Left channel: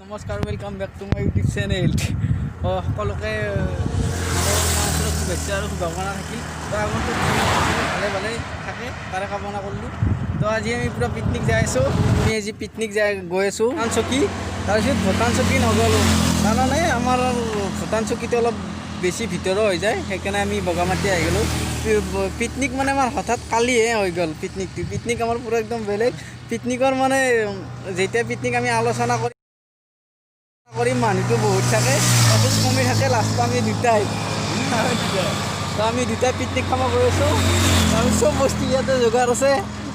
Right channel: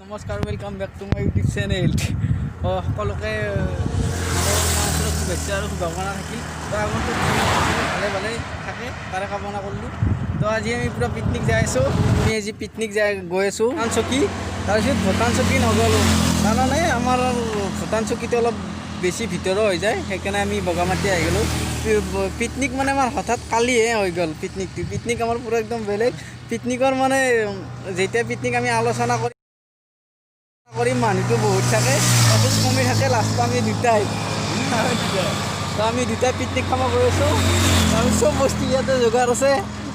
নমস্কাৰ, welcome back to my YouTube channel. সকলোকে শুভেচ্ছা আৰু শুভকামনা থাকিল। তো আগন্তুক ভালে ভালে থাকে তাৰে কামনা কৰিলোঁ। তো আজি আমি পূৰা পিকনিক যাই আছোঁ। আমি আজি পিকনিক গৈ আছোঁ ভূটান চকী। তাৰপিছত ভূটান চকী নগ'লোঁ, তাৰমানে আমাৰ ভূটান চকীটো অলপ বেছি ভিতৰৰ হৈ যায়, সেইকাৰণে আমি বগামাটি আহি গ'লোঁ। পিকনিক মানে আমাৰ হঠাৎ কালিহে হৈ গ'ল। পিকনিক আমাৰ পূৰা একদম বেলেগ। পিকনিকৰ মানে যেতিয়া পিকনিক আমি আলোচনা কৰিম মানুহটো বহুত থাকে, তাৰপিছত কমি থাকে, লাষ্টত আমি দুটাই তো আমি দুটাই পিকনিক খাব গৈ আছোঁ। আমি চব বস্তু ইয়াতে যোগাৰ আছে,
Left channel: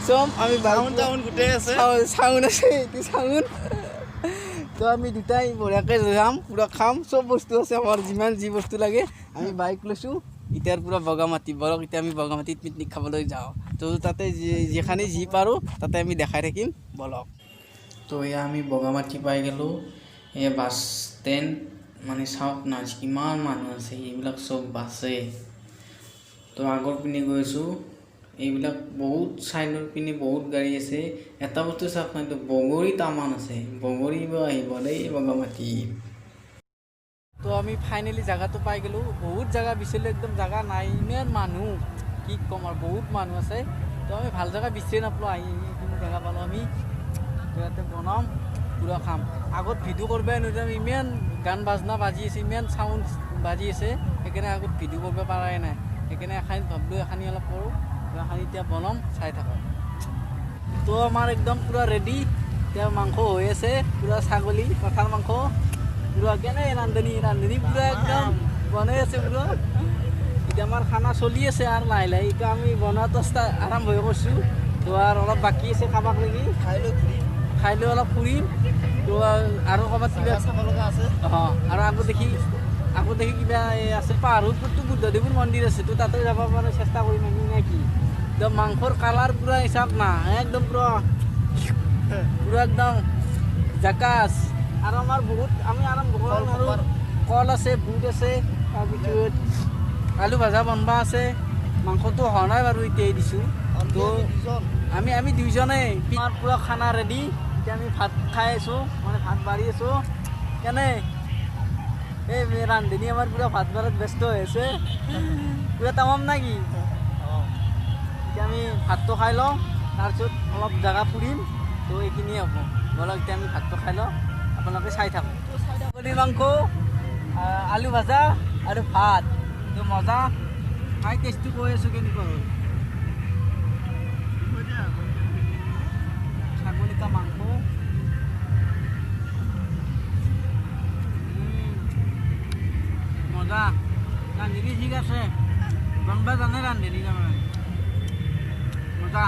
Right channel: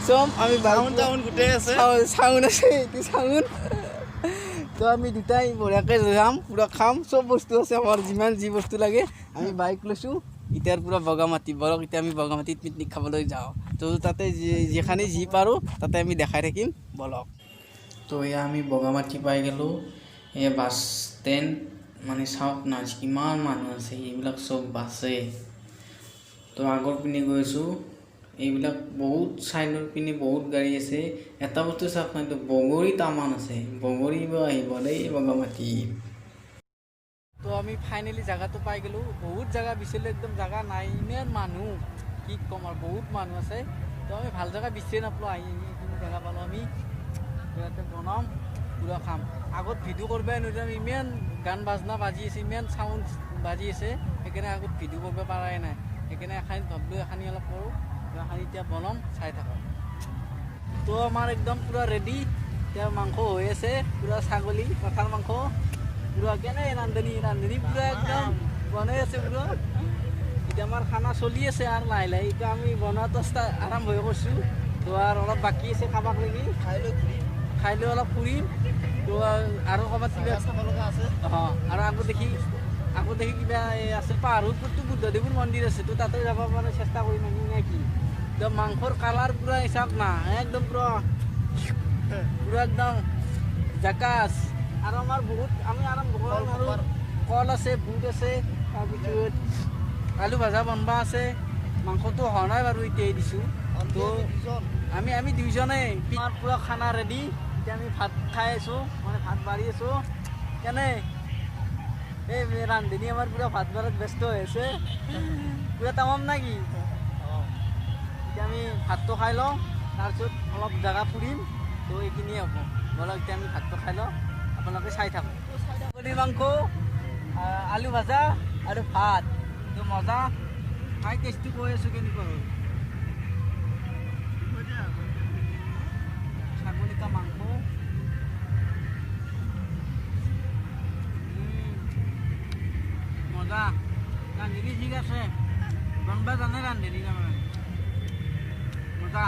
চব আমি গোটেই আছে, চাউন আছে, এইটো চাউন। তো আমি দুটাই বঢ়িয়াকৈ যাম, পূৰা খাম, চব বস্তু আছে আমাৰ, যিমান যি বস্তু লাগে। আমি বাইক লৈছোঁ এতিয়াৰ পূৰা বগামাটি বৰক। এতিয়া আমি বগামাটিত পিকনিক খাবলৈ যাওঁ। তো তাতে যিখানি যি পাৰোঁ তাতে আমি দেখাই থাকিম, বলক। তো এয়া আমি বগামাটি পাই গ'লোঁ। এই বাছ ষ্টেণ্ড মানে চাওক না, কিমান মানুহ আছে, এইবিলাক চব বাছে। তো আগৰ পিনে গৈছোঁ, এইবিলাক বহুত চাইডৰ পিনে বহুত গাড়ী আছে। এটা বস্তু চাওক না, এইটো বগৰী টামান আছে, বগৰী আহিব দেই বগামাটি। তো আমি ফাইনেলি জেগাটো পাই গ'লোঁ। বহুত জেগা বিচাৰিলোঁ, একদম জেগা নাই, ইমান মানুহ কি ক'ম আৰু, বহুত মানুহ আছে। তো আমি ভাল জেগা বিচাৰি নাপালোঁ, আহি এইখিনি জেগা পালোঁ আমি। ইয়াতে বনাম, পূৰা খাম। আগত ভিডিঅ' কৰিবই নোৱাৰিম, ইমান গান বাজনা বাজি আছে, ইমান চাউণ্ড বাজি আছে, সেইকাৰণে আগত ভিডিঅ' কৰিব পৰাই নাই। সেইকাৰণে এখানি ভাবিলোঁ এখানি অলপ কৰোঁ, এখানি এতিয়া বনাম, চাই থাকক। তো আমাৰ একদম পূৰা ৰেডি। এতিয়া মাংস হৈ আছে, পূৰা ছাগলী কঠাৰ মাংস, পূৰা কেনে ৰান্ধনি পূৰা একদম বনাই আছে পূৰা। এতিয়া আমাৰ খানা চলি আছে আৰু লাহে লাহে। এতিয়া আমি বনোৱাটো আৰম্ভ কৰিছোঁ। তো আৰু অলপ বাকী আছে, কাবাক লাগি খাই লৈ অলপ ফুৰিম। তো আৰু ক'ৰবাত কিবা চাব লগা আছে, আৰু আগত দেখি কিবা আছে, পাহাৰৰ ওপৰতো বুদ্ধদেৱৰ মন্দিৰ আছে, তো তাতে যাব পাৰে, চেষ্টা কৰিম আমি নে কি। তো মাংসৰ কালাৰ পূৰা হিচাপ না, একদম পূৰা একদম জাকাচ। আৰু আমাৰ আমি আৰম্ভ কৰোঁ আৰু কল আছে, বুট আছে, তাৰপিছত আলু ভাজা বনবা আছে। মাংসটো হোৱা নাই বাৰু, এতিয়াই দিছোঁ। তো আমি দুইজনেই আমাৰ পূৰা খানা ৰেডি। এতিয়া আমি ভাত খাই আছোঁ, মানে ভাত বাঢ়ি আছোঁ। কেনে এই ৰান্ধনি আমাৰ পূৰা ভাত বাঢ়াত ব্যস্ত হৈ আছে, পূৰা তামাম না কি। এতিয়া আমি ভাতটো খাই লওঁ, তাৰপিছত অলপ জেগা ফুৰিম। তো এইখিনিয়ে হ'ব, বলক এতিয়া আমি ভাতটো খাই লওঁ, আপোনালোকে চাই থাকক। ছাগলী মাংস, আলু ভাজা আৰু ভাত, তো মজা। খাই টেষ্টটো কৈ আছোঁ কেনেকুৱা হয়। ছাগলীটা মাংস মজা। ৰান্ধনি ঠিক আছে, বনবা জানে ৰান্ধনি তাৰমানে মজা।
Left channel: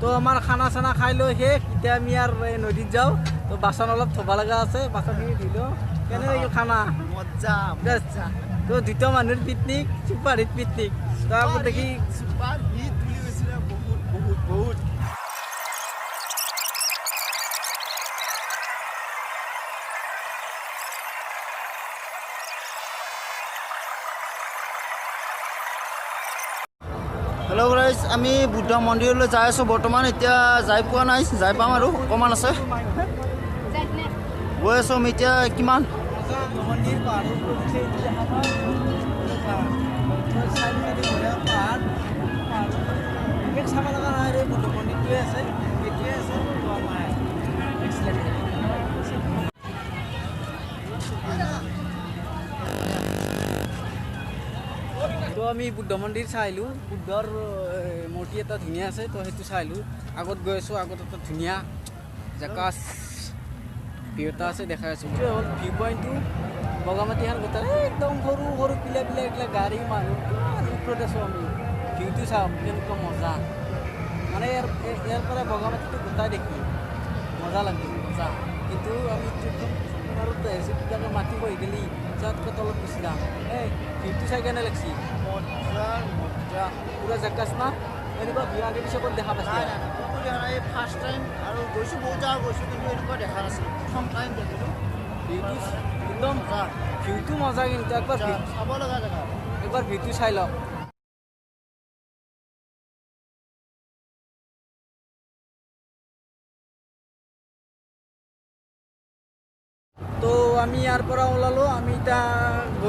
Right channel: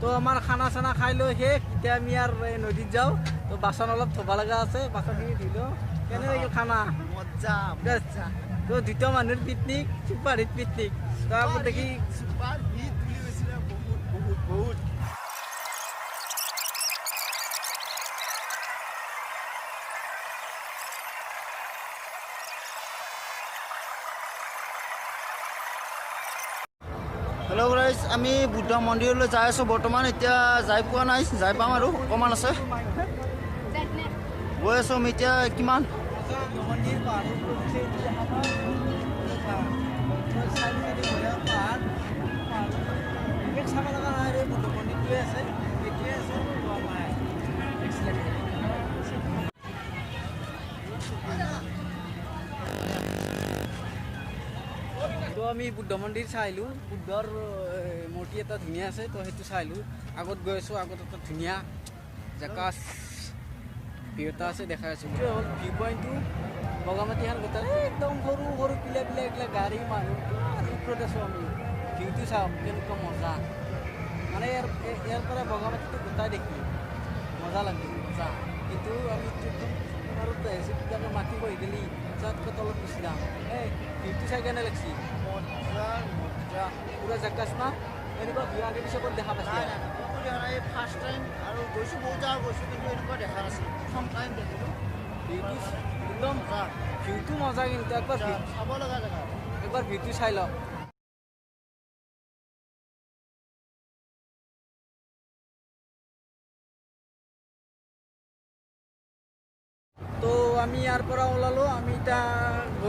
তো আমাৰ খানা চানা খাই লৈ শেষ। এতিয়া আমি আৰু এই নদীত যাওঁ। তো বাচন অলপ ধুব লগা আছে, বাচনখিনি ধুই লওঁ। কেনে লাগিল খানা? মজা। তো দুটা মানুহৰ পিকনিক, চুপাৰ হিট পিকনিক। তো আকৌ দেখি বহুত হেল্ল' গাইজ, আমি বুদ্ধ মন্দিৰলৈ যাই আছোঁ বৰ্তমান। এতিয়া যাই পোৱা নাই, যাই পাম আৰু অকণমান আছে, গৈ আছোঁ আমি এতিয়া। কিমান তো আমি বুদ্ধ মন্দিৰ চাই আহিলোঁ। বুদ্ধৰ মূৰ্তি এটা ধুনীয়া আছে, তো সেইটো চাই আহিলোঁ। আগত গৈ আছোঁ, আগত এটা ধুনীয়া জাকাচ ভিউ এটা আছে, দেখাই আছোঁ। এইটোৱে হ'ল ভিউ পইণ্টটো। বগামাটিখন গোটেই একদম সৰু সৰু পিলা এইবিলাক গাড়ী মানুহ ওপৰত আছোঁ আমি। ভিউটো চাওক কেনেকুৱা মজা, মানে ইয়াৰ পৰা বগামাটিটো গোটাই দেখি মজা লাগে, মজা। কিন্তু আমি ট্ৰেইনত আহিছোঁ, কিবাকৈ মাটি বহি গ'লি তাতকৈ তলত গুচি যাম। এই ভিউটো চাই কেনে লাগছি? মজা, পূৰা জাকাচ না। এনেকুৱা ভিউ আগে পিছে ক'ত দেখা পাইছে? ফাৰ্ষ্ট টাইম, আৰু গৈছোঁ বহুত জেগা গৈছোঁ, কিন্তু এনেকুৱা দেখা নাছিলোঁ, প্ৰথম টাইম দেখিলোঁ। ভিউটো একদম ভিউটো মজা, কিন্তু একবাৰ চাব লগা জেগা, একবাৰ ভিউটো চাই লওক।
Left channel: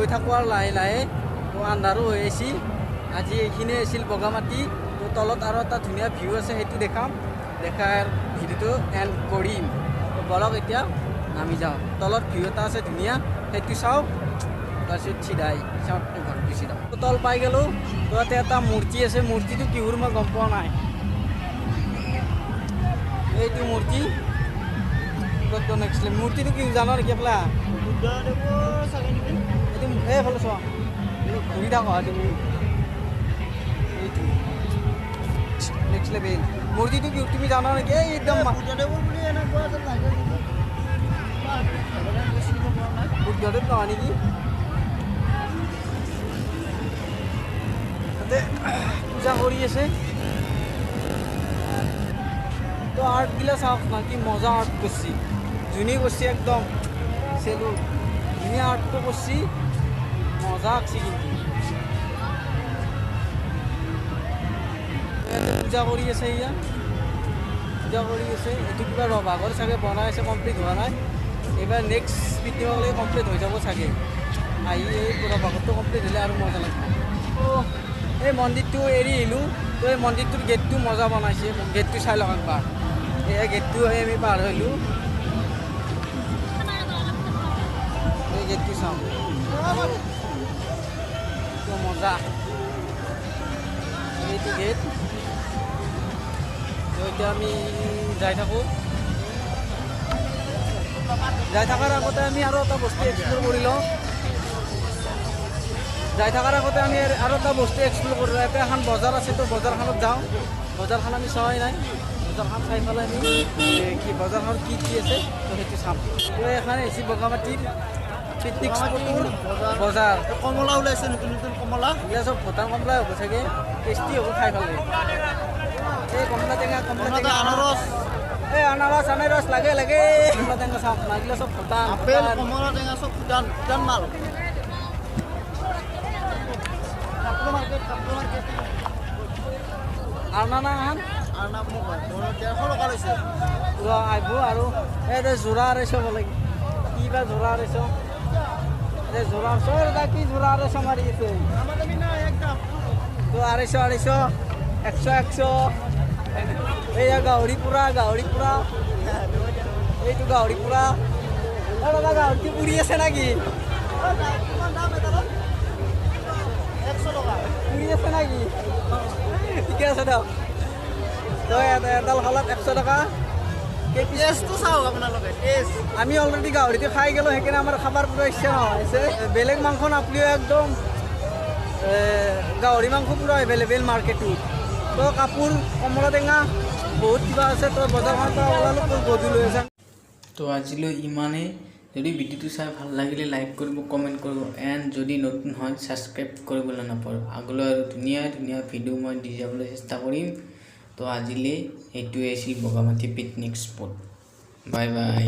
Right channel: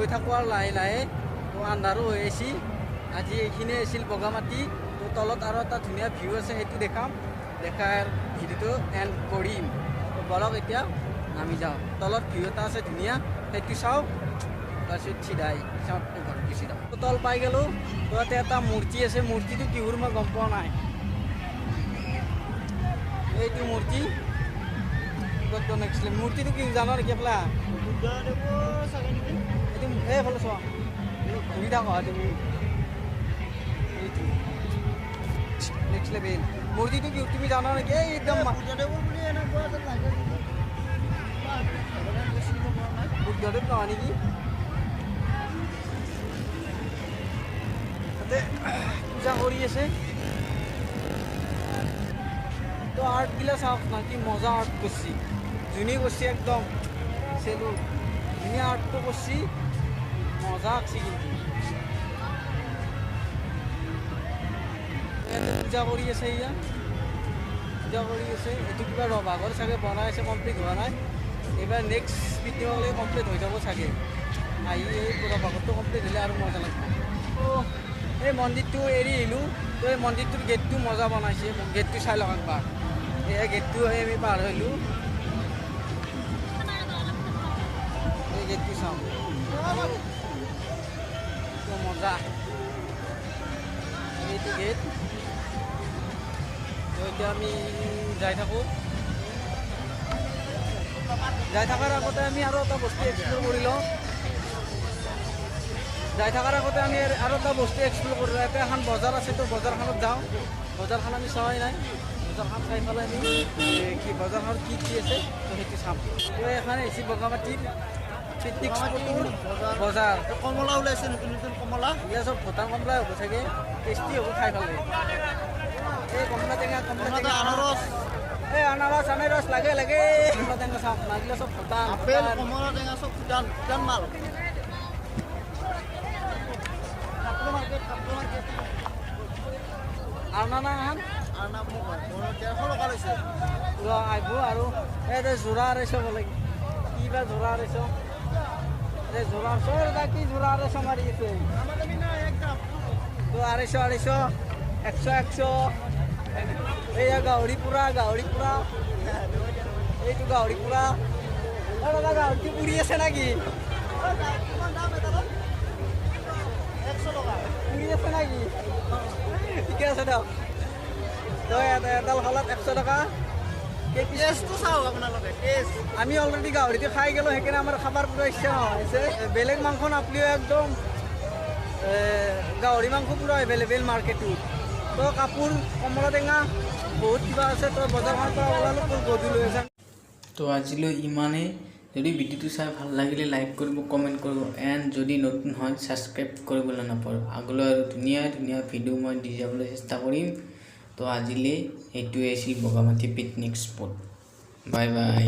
গৈ থাকোঁ আৰু লাহে লাহে। তো আন্ধাৰো হৈ আছিল। আজি এইখিনি আছিল বগামাটি। তো তলত আৰু এটা ধুনীয়া ভিউ আছে, সেইটো দেখাম। দেখাই ভিডিঅ'টো এণ্ড কৰিম। বলক এতিয়া নামি যাওঁ। তলত ভিউ এটা আছে ধুনীয়া, সেইটো চাওঁ। তাৰপিছত চিধাই চাওঁ ঘৰত গুচি যাওঁ। তল পাই গ'লোঁ। তো ইয়াতে এটা মূৰ্তি আছে, মূৰ্তিটো কিহৰ মই গম পোৱা নাই। এইটো মূৰ্তি ক'ত বনাইছিলে, মূৰ্তিটো কি জানো নেকি আপলা? এইটো এইফালে চোৱা, ঘূৰি থাকা তুমি। এইটো নেক্সট লেভেল মূৰ্তিটো কি তুমি জানা নেকি? এই একদম বুদ্ধদেৱ নহয় নেকি? তাতে পূজা কৰি আছে। তো আৰ্টগিলা চাওক না, কি মজা আৰ্ট কৰছি। যোনে কৰছি একদম চেলু ধুনীয়া আৰ্টটো কৰছি, মজা আঁকছি। কিন্তু পূজা কৰি আছে, এয়া পূজা কৰি আছে। এইটো কিবা ৰভাগৰ চাগে বনাই আছে, কমপ্লিট হোৱা নাই। এইবাৰ নেক্সট পিকনিকলৈ কমপ্লিট হৈ যাব চাগে। আহি এই ৰভাগৰটো কমপ্লিট হ'লে আৰু মজা লাগিব। এই মন্দিৰটো এৰি আহিলোঁ। তো এই মন্দিৰটোৰ গেটটো মজা বনাইছে, গেটটো চাই লওক একবাৰ। এই গেটটো আমি পাৰ হ'লোঁ। এই গেটটো চাওঁ, মজা। এইটো গেট। এতিয়া আমি যাই থাকোঁ। যাই থকাৰ আগতে আমি আৰু এটা বস্তু এক্সপ্ল'ৰ কৰি লওঁ। যাই থকাৰ আগতে আমি আৰু এটা বস্তু এক্সপ্ল'ৰ কৰোঁ। ইয়াতে এখন বজাৰ আছে, তো বজাৰখনত যাওঁ। বজাৰখন আমি চোৱাই নাই। বজাৰখন চাই পেলাই আমি কি বজাৰখন কি কি আছে তো সেইটো চাম। তো এখানে হৈছে বগামাটিৰ পিকনিক স্পটৰ বজাৰ। কমলা ওলাইছে, নতুন নতুন কমলা। এইবিলাক চব ভূটান কমলাই হ'ব চাগে, টেষ্টি হ'ব খাই ভাল লাগে। এই কমলা টেঙা, কমলা টেঙা, আনাৰস, এই আনাৰস আনাৰস লাগে লাগে। কমলা টেঙা চাওক না, এইবিলাক চব ভূটান। আপেল, কমলা টেঙা চব ভূটান ভূটান মাল। কাপোৰ মাৰ্কেট আৰু না এখন আৰু নাম মোক 150 টকা লৈছে। আহিব আৰু এই যোৰা আঢ়ৈশ বোলে, কি বা যোৰা আঢ়ৈশ। এই যোৰা চৰ কি যোৰা আঢ়ৈশ মাৰি আছে। তো আঢ়ৈশ আঢ়ৈশ, 100 100। এইয়া গাহৰি পুৰা, গাহৰি পুৰা। এইটো গাহৰি পুৰা। দাদা গাহৰিটো পুৰি আছে নেকি? পুৰি আছে নেকি? ঠিকে আছে দিয়ক। তো এডাল খালাত 100 টকা। টেষ্টটো চাওক আপোনালোকে, টেষ্ট। আমি অলৰেডি গাহৰিটো খাই গ'লোঁ, সেইকাৰণে আমাৰ খাবাৰ পুৰা ইচ্ছা নহৈছে। বেলেগ মাংস নাপালেও একদম গাহৰি মাংস পুৰা এভেইলেবল মাৰ্কেটত। তো কাপোৰ, কমলা টেঙা বহুত কিবা আছে। তো বজাৰখনত ওলালোঁ, তো গধূলি হৈ যাম। তো আজিলৈ ইমানেই। যদি ভিডিঅ'টো চাই ভাল লাগিলে লাইক কৰিব, কমেণ্ট কৰিব, এণ্ড যদি নতুন হয় ছাবস্ক্ৰাইব কৰিবলৈ নাপাহৰিব। আগলৈ আৰু ধুনীয়া ধুনীয়া ভিডিঅ' মই দি যাবলৈ চেষ্টা কৰিম। তো আজিলৈ এইটোৱে আছিল বগামাটি পিকনিক স্পট। বাই বাই।